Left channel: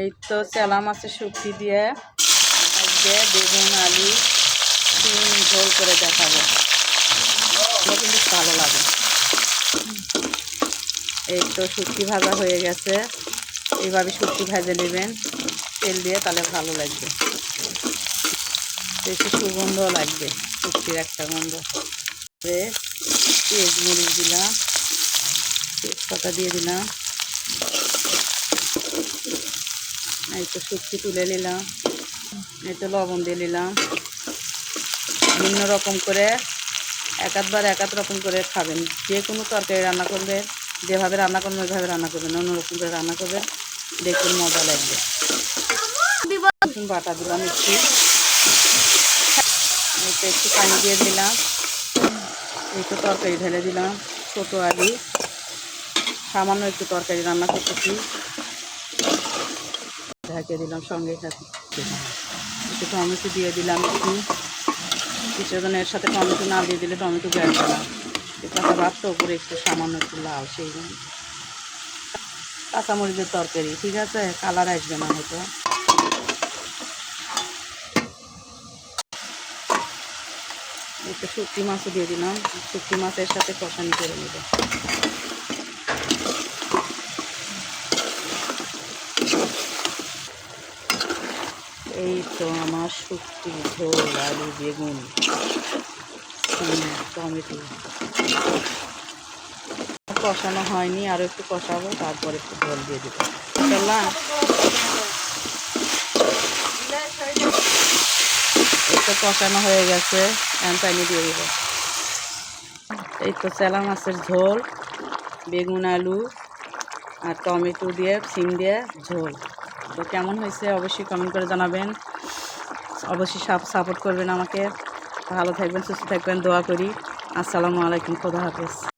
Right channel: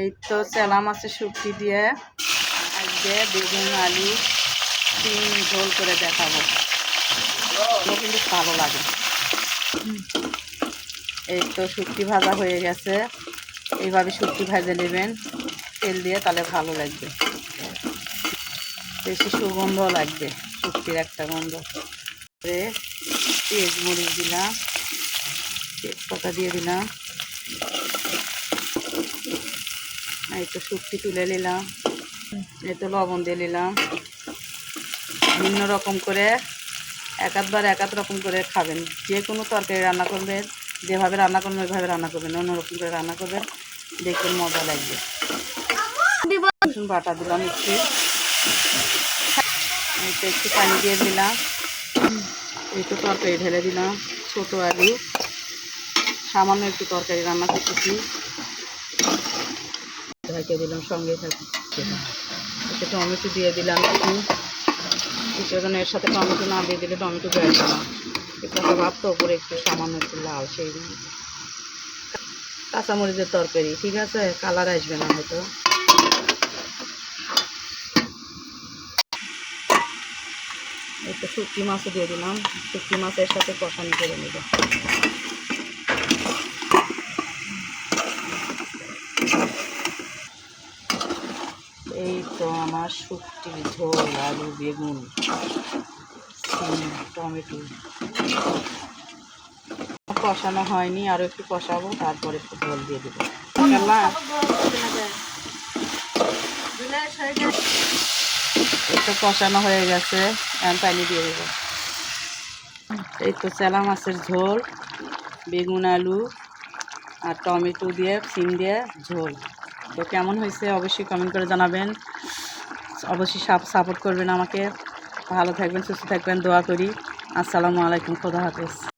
এই তো চেলা মাছের শুটকি দিয়ে আজকে বেগুন আলু সিম ঝোল করে দেখাবো। কিন্তু ভালো লাগে। এই তো শুটকি ভাজা হয়ে গেছে। এইভাবে শুটকি ভেজে নেবেন তেল দিয়ে, তাহলে ভালো লাগবে, বেশি সুগন্ধ লাগবে, শুটকির একটা গন্ধ। পেঁয়াজ মরিচ দিলাম, তেজপাতা দিয়ে দিলাম। এই তো শুটকি তুলে নিলাম, এই তো লবণ দিয়ে নিলাম। ভিন্ন রকম করে এক এক রকম করে খাবেন। যে কোনো তরকারি রান্না করবেন, যেভাবে রান্না করবেন ওইভাবে রান্না করবেন, অন্যরকম করে রান্না করবেন, দেখুন মজা লাগবে। রসুন বাটা দিলাম একটু, এই তো একটু পানি দিয়ে দিলাম। এই তো তরকারি ঢেলে দিলাম, ছোটো আলু, সামান্য একটু তরকারি রান্না করতেছি, ঢেকে দিলাম। সঙ্গে একটু টমেটো দিয়ে দিলাম, কিছুক্ষণের সাথে টমেটো না দিয়ে দিলে টমেটো বেরোবে না। কাঁচা ভাত তো ওপরে একটু সামান্য একটু লাল, সেই জন্য কাঁচামরিচের তরকারি, ঠিক আছে, কালার আসবে না হয়তো। একটু শুটকি মাছও দিয়ে দিলাম, শুটকি মাছের সাথে কষানি করে নেব। এই তো আমার শুটকি ঝোল, আলু বেগুন টমেটো কষানো হয়নি, আরও একটু কষাবো, তারপর একটু ঝোল দিয়ে দেবো। একটু কষানো হয়ে গেছে, আমি পানি দিয়ে দেবো। এই তো চেলা মাছের ঝোল, বেগুন আলু আর টমেটো দিয়ে সিম দিয়ে ঝোল। তো কেমন হয়েছে অবশ্যই কমেন্ট করে জানাবেন, অবশ্যই সাপোর্ট করবেন আমাকে। ভালো থাকবেন, সুস্থ থাকবেন, দোয়া করি। আসসালামু আলাইকুম, খোদা হাফেজ।